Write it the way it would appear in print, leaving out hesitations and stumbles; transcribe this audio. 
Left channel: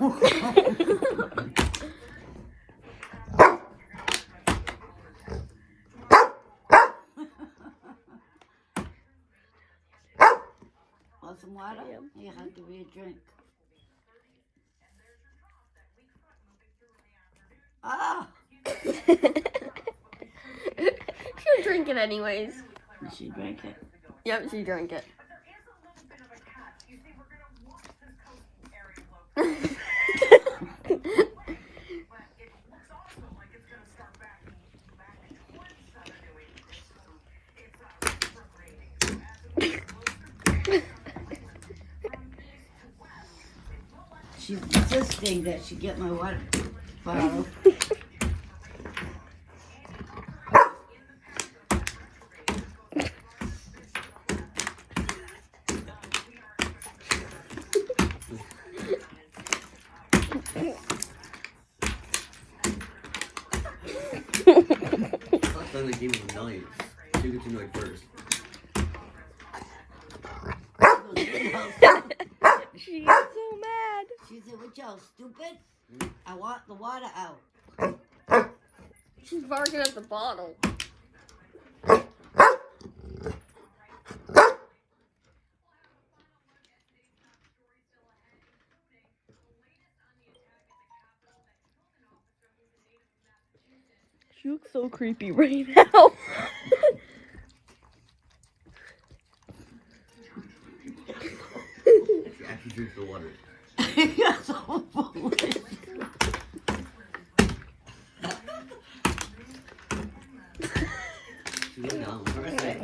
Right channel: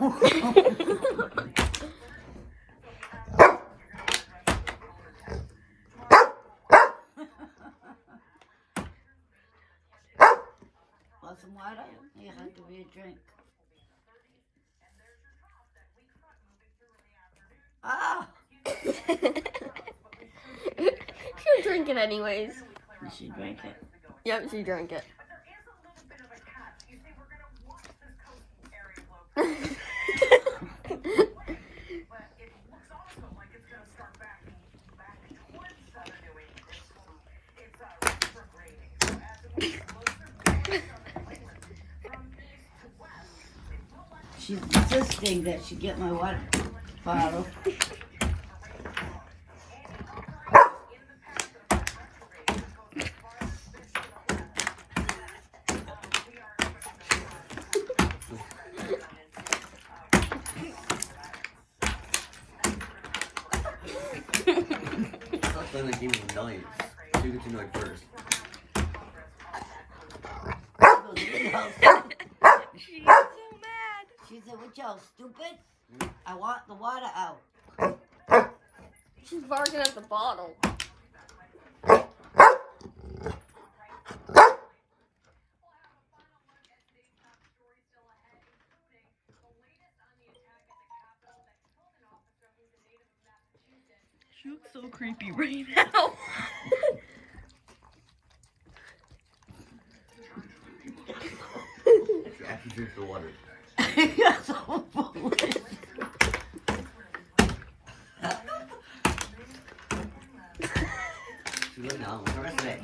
Want some water? Yeah, I'll give you a drink. Ah! She'll drink it anyways. Did she drink it? Yep, she drank it. She's insisting that she get my water bottle. Then they gave me a knife. You get to know it first. She's so mad. She said, "What y'all stupid? I want the water out." She's barking at the bottle. She looks so creepy right now. She actually drinks the water. You're so foolish. She went down. What can I say?